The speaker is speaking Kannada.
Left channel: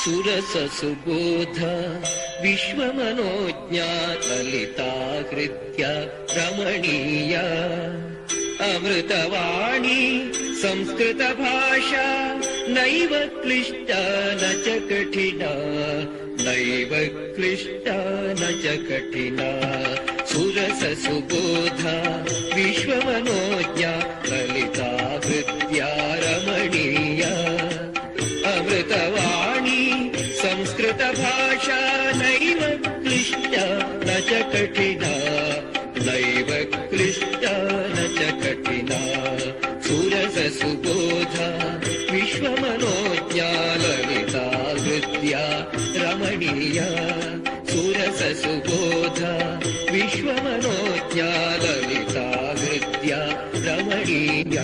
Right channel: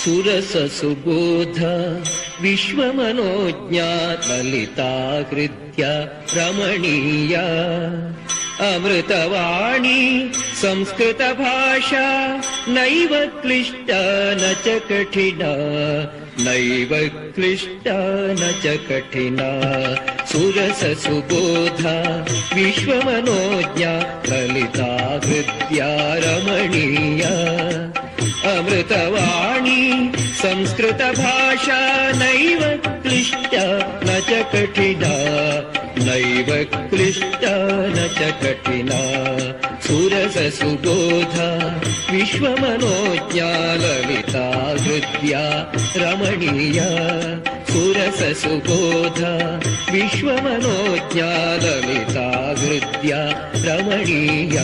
ಸುರಸ ಸುಬೋಧ ವಿಶ್ವಮನೋಜ್ಞ ಲಲಿತಾ ಹೃದ್ಯ ರಮಣೀಯ ಅಮೃತವಾಣಿ ಸಂಸ್ಕೃತ ಭಾಷಾ ನೈವ ಕ್ಲಿಷ್ಟ ನ ಚ ಕಠಿಣ ನೈವ ಕ್ಲಿಷ್ಟ ನ ಚ ಕಠಿಣ ಸುರಸ ಸುಬೋಧ ವಿಶ್ವಮನೋಜ್ಞ ಲಲಿತಾ ಹೃದ್ಯ ರಮಣೀಯ ಅಮೃತವಾಣಿ ಸಂಸ್ಕೃತ ಭಾಷಾ ನೈವ ಕ್ಲಿಷ್ಟ ನ ಚ ಕಠಿಣ ನೈವ ಕ್ಲಿಷ್ಟ ನ ಚ ಕಠಿಣ ಸುರಸ ಸುಬೋಧ ವಿಶ್ವಮನೋಜ್ಞ ಲಲಿತಾ ಹೃದ್ಯ ರಮಣೀಯ ಸುರಸ ಸುಬೋಧ ವಿಶ್ವಮನೋಜ್ಞ ಲಲಿತಾ ಹೃದ್ಯ ರಮಣೀಯ